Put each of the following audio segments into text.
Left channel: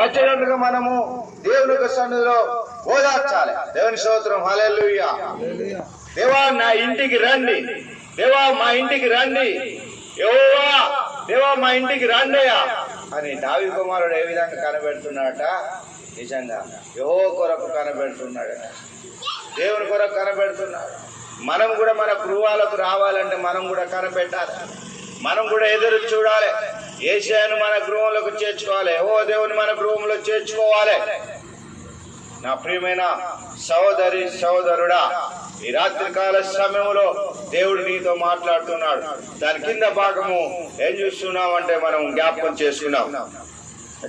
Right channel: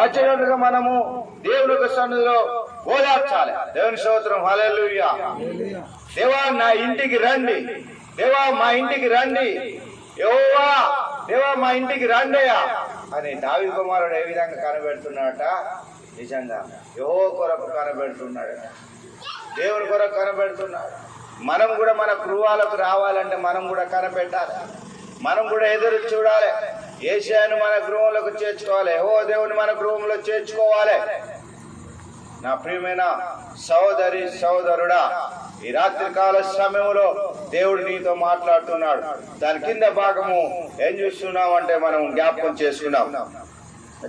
వచ్చేటట్టుగా మనము దేవుని యొక్క సన్నిధిలో ఓదార్చాలి. దేవుని స్తోత్రం. హలెలుయ్యా దేవా నా ఇంటికి రండి. దేవా మా ఇంటికి రండి. యెహోవా దేవా మా ఇంటికి రండియా అని దావి కుమారుడు ఏ విధంగా కనబెడుతున్నాడట? నిజంగా. యహో కొరకు కనబెడుతున్నాడట. దేవుని కొరకు కనబెడుతున్నాడు. మనం కూడా మన గృహాలకు రావాలంటే మనం కూడా కనబెట్టాలి. మనం కూడా ఎదురు చూడాలి. ఏషియాను మన గృహంలోకి చేర్చుకోవాలి. ఓ దేవుని మన గృహంలో చేర్చుకోవాలి. నా ప్రియమైన సహోదరి సహోదరుడా ఈ రాత్రి కాల సమయంలో దేవుడు నీతో మాట్లాడుతున్నాడు. దాని కింద భాగము ఏం చూస్తున్నాం అంటే మనం జ్ఞాపకం చేసుకున్నాం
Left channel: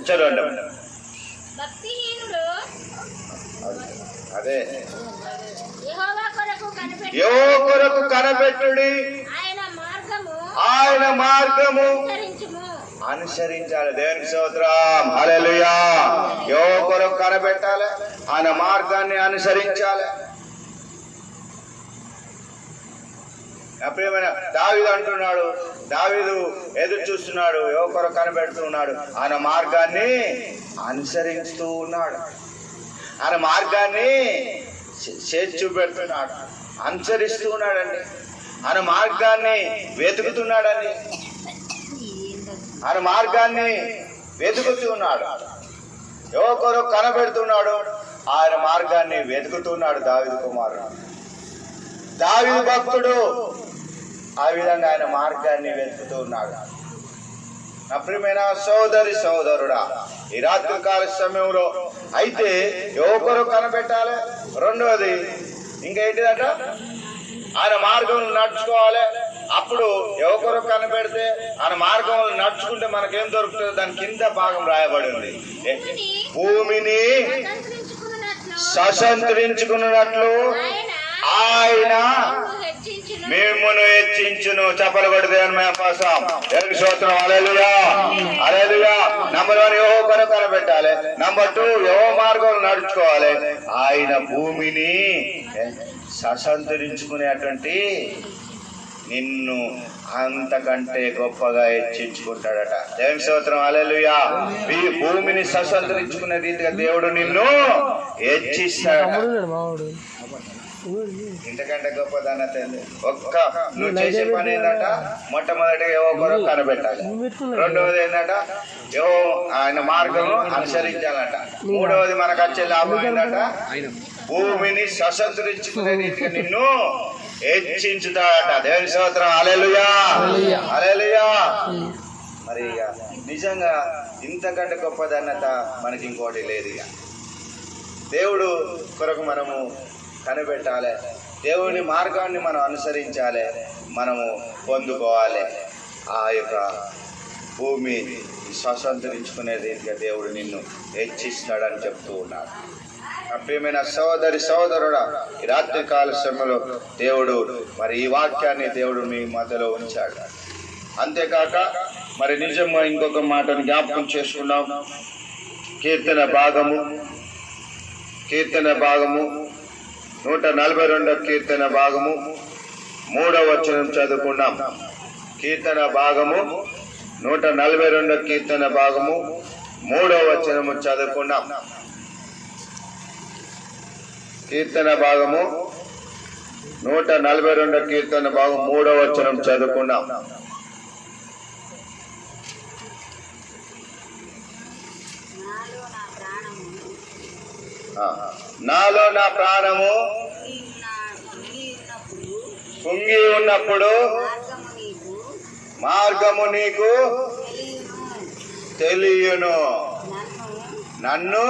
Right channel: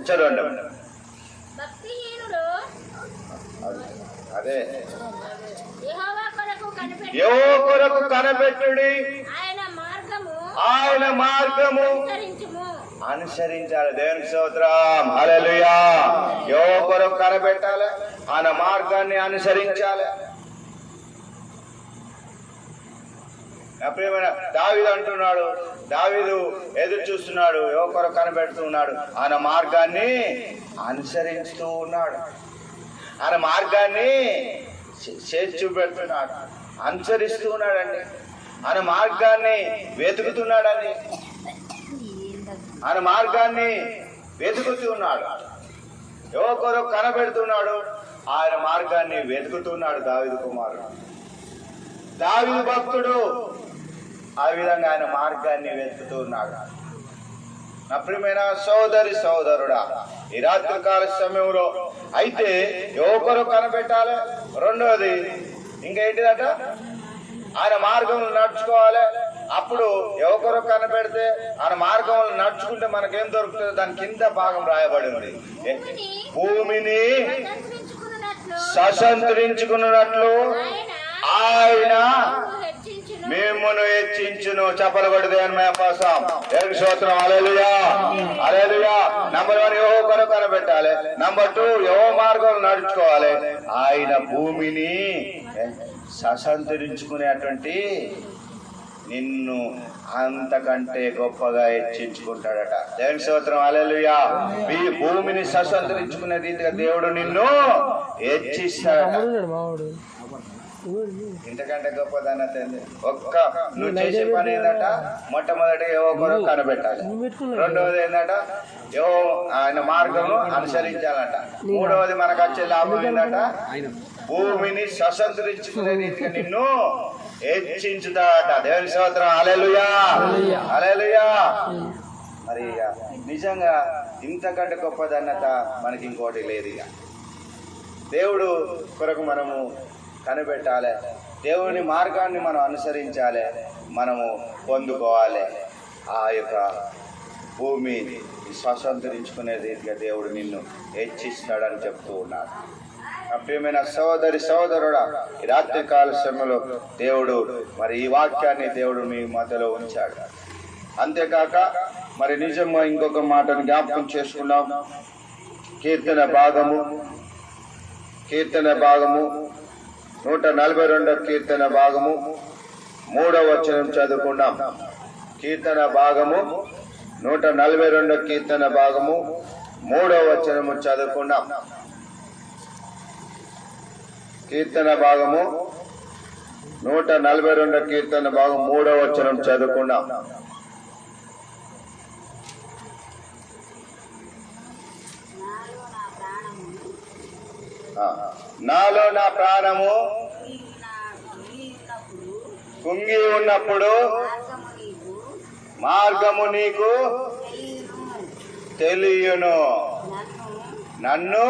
చదవండి. అదే. కొరకు కనిపెట్టి యో కొరకు కనబెట్టుడి ఆయన మార్గము. అనుసరించాలి. దేవునికి స్తోత్రం. హల్లెలూయా. యో కొరకు కనబెట్టాలి? ఆయన మార్గాన్ని అనుసరించాలి. నా ప్రియమైన దావీదు అంటున్నాడు. దావీదు ఎదురు చూస్తున్నాడు. కొరకు కనబెడుతున్నాడు ఆయన మార్గాన్ని అనుసరిస్తూ ఉన్నాడు. ఆయన మార్గాన్ని చే- చేసి చూపెడుతున్నాడు అనుసరిస్తూ ఉన్నాడండి. ఆయన మార్గాన్ని వెతుకుతున్నాడని. ఆయన మార్గాన్ని వెతుకుతున్నాడు. యువకొరు కనబెడుతున్నాడు ఆయన మార్గాన్ని వెతుకుతున్నాడు దావిదు కుమారుడు. దావిదు భక్తుడు ఆ విధంగా ఆయన మార్గాన్ని వెతుకుతూ ఉన్నాడు నా ప్రియమైన సోదరి సోదరుడా ఈ రాత్రి కాల సమయంలో అయితే ఎవరు కనబెట్టాలి? రెండవది ఇంకేంటిదట ఆయన మార్గంలో నడుచుకోవాలి. అప్పుడు యువకొరు కనపెడితే ఆయన మార్గంలో నడుచుకుంటే మనకేం దొరుకుతుంది దాని కింద భాగం రాయబడి ఉంది భూమిని సశంతరించుకున్నట్లు ఆయన మిమ్మను హెచ్చించును. చెప్పలు కొడితే కోసం దేవుని స్తోత్రం. అలెలుయా నంబర్ వన్ యోహో కొరకు కనబెట్టాలి. నంబర్ టూ యోహో మార్గం నడుచుకోవాలి ఆయన భూమిని ససంతరించుకునేటువంటి నిన్ను అంతకంటే గొప్పగా హెచ్చించుకుంటాడట. దేవుని స్తోత్రం అలెలుయా మీ భూమిని ససంతరించుకునే రీతిగా దేవుడు నిన్ను హెచ్చిస్తాడు ఇంతకంటే గొప్పదన్న తెలియదు ఒక్క నువ్వు చేసే పని ఏంటంట మొట్టమొదటిగా ఏవో కొరకు కనబెట్టాలి రెండవది ఏంటంట ఏవో ఆయన మార్గం అనుసరించాలంట. మూడవది మనకు వచ్చే లాభం ఏంటంట భూమిని సశస్త్రించుకునే రీతిగా నిన్ను హెచ్చించుతాడట. దేవుని స్తోత్రం. అలెలుయా అలెలుయా మరి ఇక నిజంగా ఇంతకంటే గొప్పదన్నత మనకి ఇంకోటి లేదు ఇక. దేవుడు కొరకు మనము కనిపెట్టాలి. దేవుని మార్గాన్ని మనం అనుసరించాలి. మనము పొందుకోవాలి. ఆ యొక్క భూమి స్వతంత్రించుకునే రీతిగా దేవుడు నిన్ను హెచ్చిస్తాడని చెప్తూ ఉన్నాడు. ప్రియమైన సోదరి సోదరుడా ఈ రాత్రి కాల సమయంలో దేవుడు మరి ఈ వాక్యాన్ని దేవుడు మీ మధ్యలో ఉంచాడు. అంతేకాక మరి నిజంగా ఇంకొక మాటను జ్ఞాపకం చేసుకున్నాం కీర్తన భాగము కీర్తన భాగము నూట నలభై రెండవ కీర్తన భాగము. మూడవ వచనం చదువుకున్నాం కీర్తన భాగము నూట నలభై రెండవ కీర్తన భాగము. మూడవ వచనము చదువుకున్నాం కీర్తన భాగము నూట నలభై రెండవ కీర్తన భాగం మూడవ వచనం చదువుకున్నాం నాలో నా ప్రాణము కుంగి ఉన్నప్పుడు మార్గము నీకు తెలియను. నన్ను